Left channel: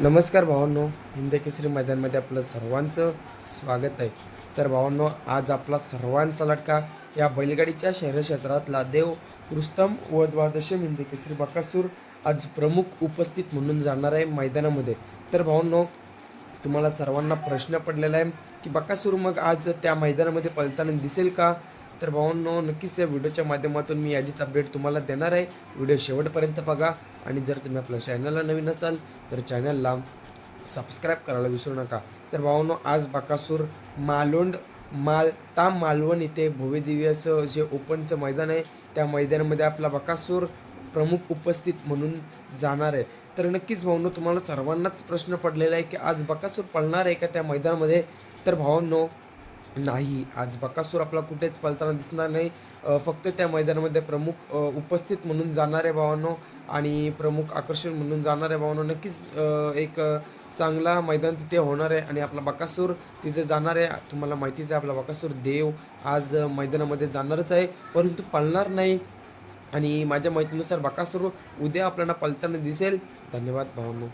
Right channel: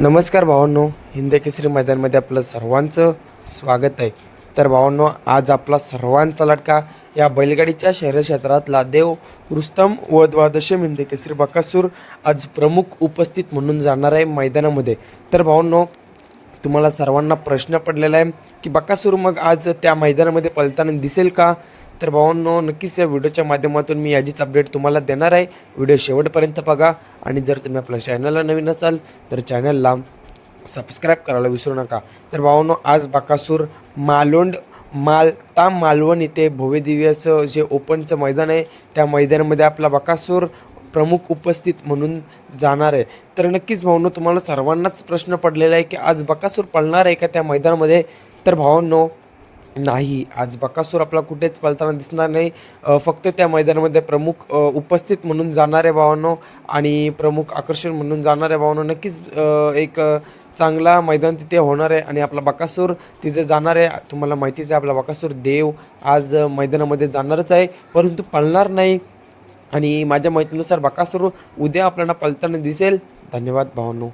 नमस्कार भावांनो, हिंद केसरी मैदानमध्ये आपलं सर्वांचं स्वागत आहे. तर भावांनो, आज आपला सर्वांचा लटका या बैलगाडीच्या शहर क्षेत्रातला देव रुस्तम व द्वादशम हिंद केसरी बकासूर आज प्रमुख उपस्थित म्हणून जाणार आहे मैदानामध्ये. तर भावांनो, तुम्हाला सर्वांना प्रश्न पडलेला आहे की बकासूर मग आज त्या मैदानामध्ये पळताना दिसेल का? तर भावांनो, नक्कीच या व्हिडिओच्या माध्यमातून मी याचीच अपडेट तुम्हाला देणार आहे. व्हिडिओ शेवटपर्यंत बघा आणि जर तुम्ही आपल्या चॅनलला नवीन असाल तर चॅनलला सबस्क्राईब करायला विसरू नका. तर भावांनो, आज बकासूर मालवण इथे भव्यदिव्य असं जे ओपनचं मैदान आहे त्या मैदानामध्ये आपला बकासूर प्रमुख उपस्थित म्हणून जाणार आहे. तर नक्कीच भावांनो, तुम्हाला सर्वांनाच प्रश्न पडलेला आहे की आज बकासूर पळणार आहे का त्या मैदानामध्ये? तर भावांनो, नाही, आज बकासूर आपला कुठेच पळताना दिसणार नाही. फक्त त्या मैदानामध्ये प्रमुख उपस्थित म्हणून जाणार आहे भावांनो आणि प्रमुख आकर्षण म्हणून जाणार आहे भावांनो. नक्कीच एक चांगला मैदान तिथे होणार आहे आणि आपला बकासूर तिथे जाणार आहे. तुम्हाला माहितीच आहे, आपला बकासूर देव आज मैदानामध्ये जाणारच आहे, परंतु पळणार नाही. आणि माझ्या माहितीनुसार बकासूर उद्या आपल्याला पळताना दिसेल. धन्यवाद भावांनो.